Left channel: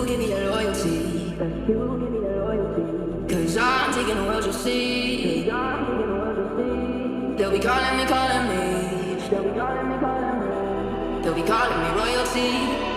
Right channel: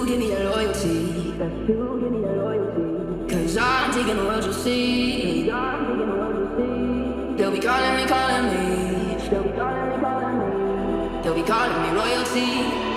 you give me that loyalty. Best you give me that loyalty. Cause I'm taking the world, you'll see. Cause I'm taking the world, you'll see. They'll be calling me, calling me. They'll be calling me, calling me. They'll be calling me royalty.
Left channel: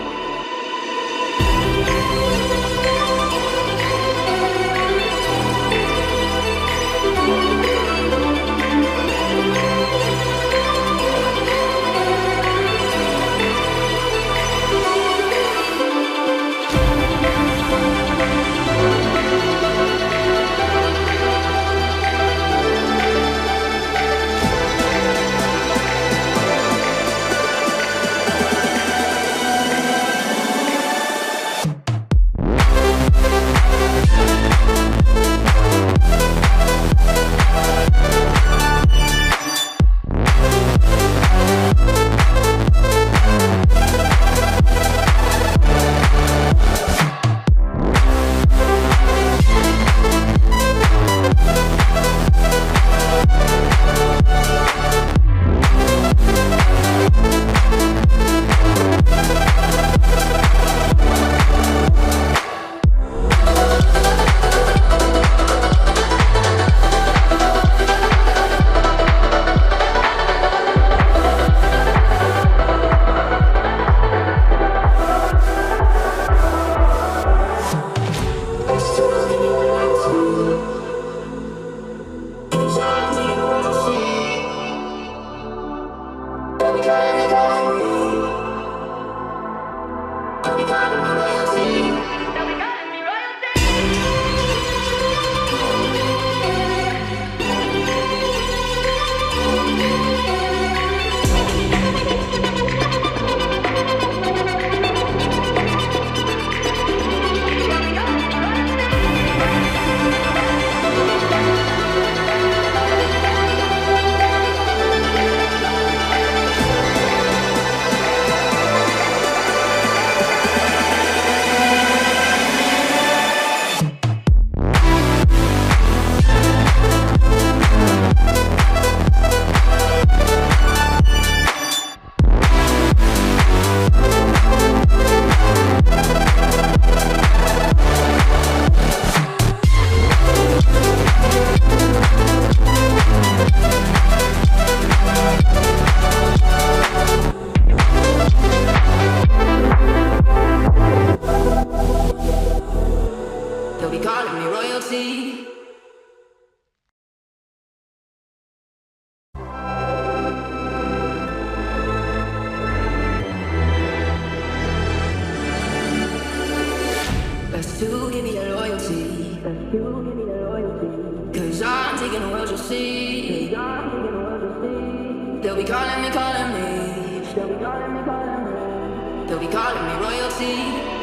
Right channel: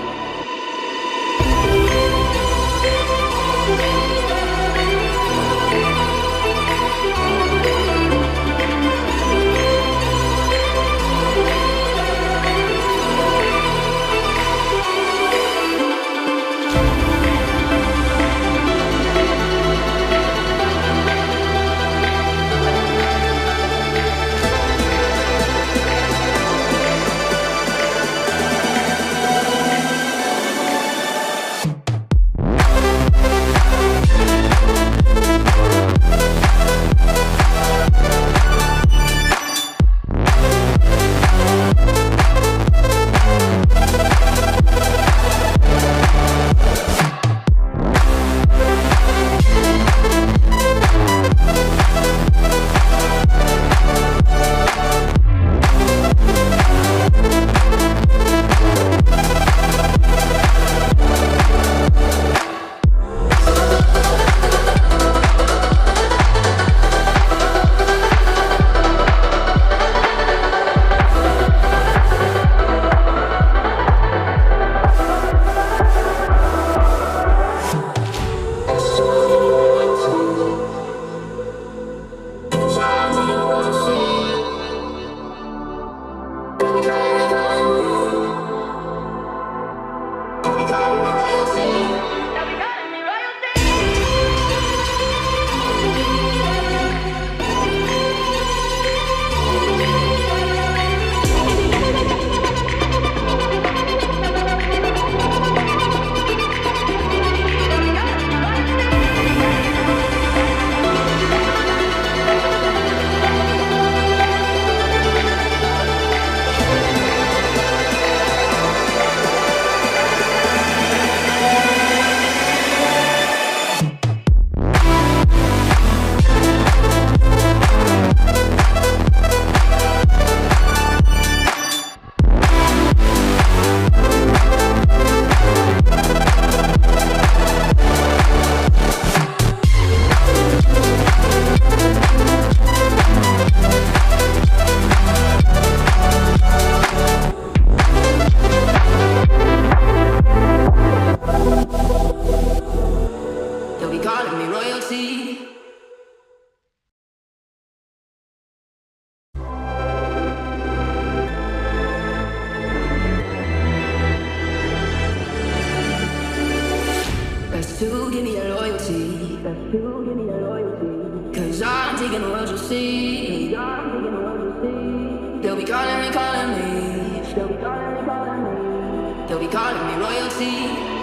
Best to give me that loyalty. Best you give me that loyalty. Cause I'm taking the world, you'll see. Cause I'm taking the world, you'll see. They'll be calling me, calling me. They'll be calling me, calling me. They'll be calling me royalty.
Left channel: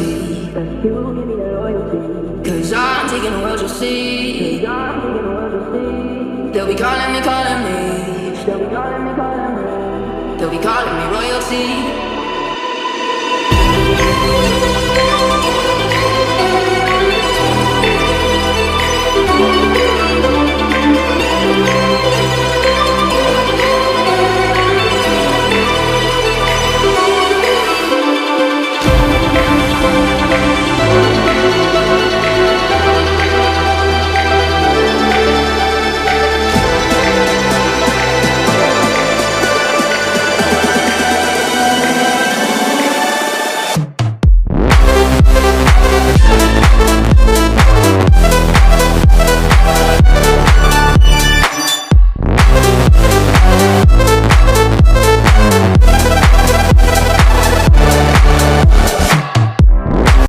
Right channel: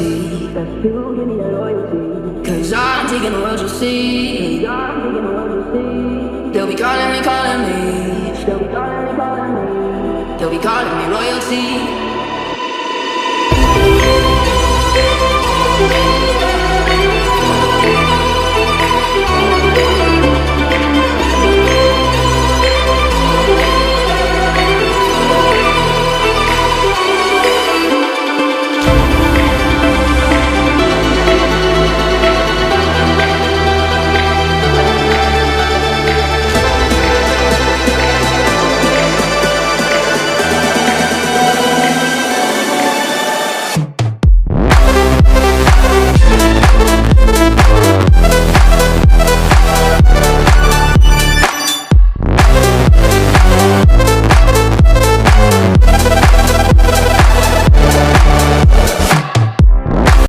loyalty. Best you give me that loyalty. Cause I'm taking the world, you'll see. Cause I'm taking the world, you'll see. They'll be calling me, calling me. They'll be calling me, calling me. They'll be calling me royalty.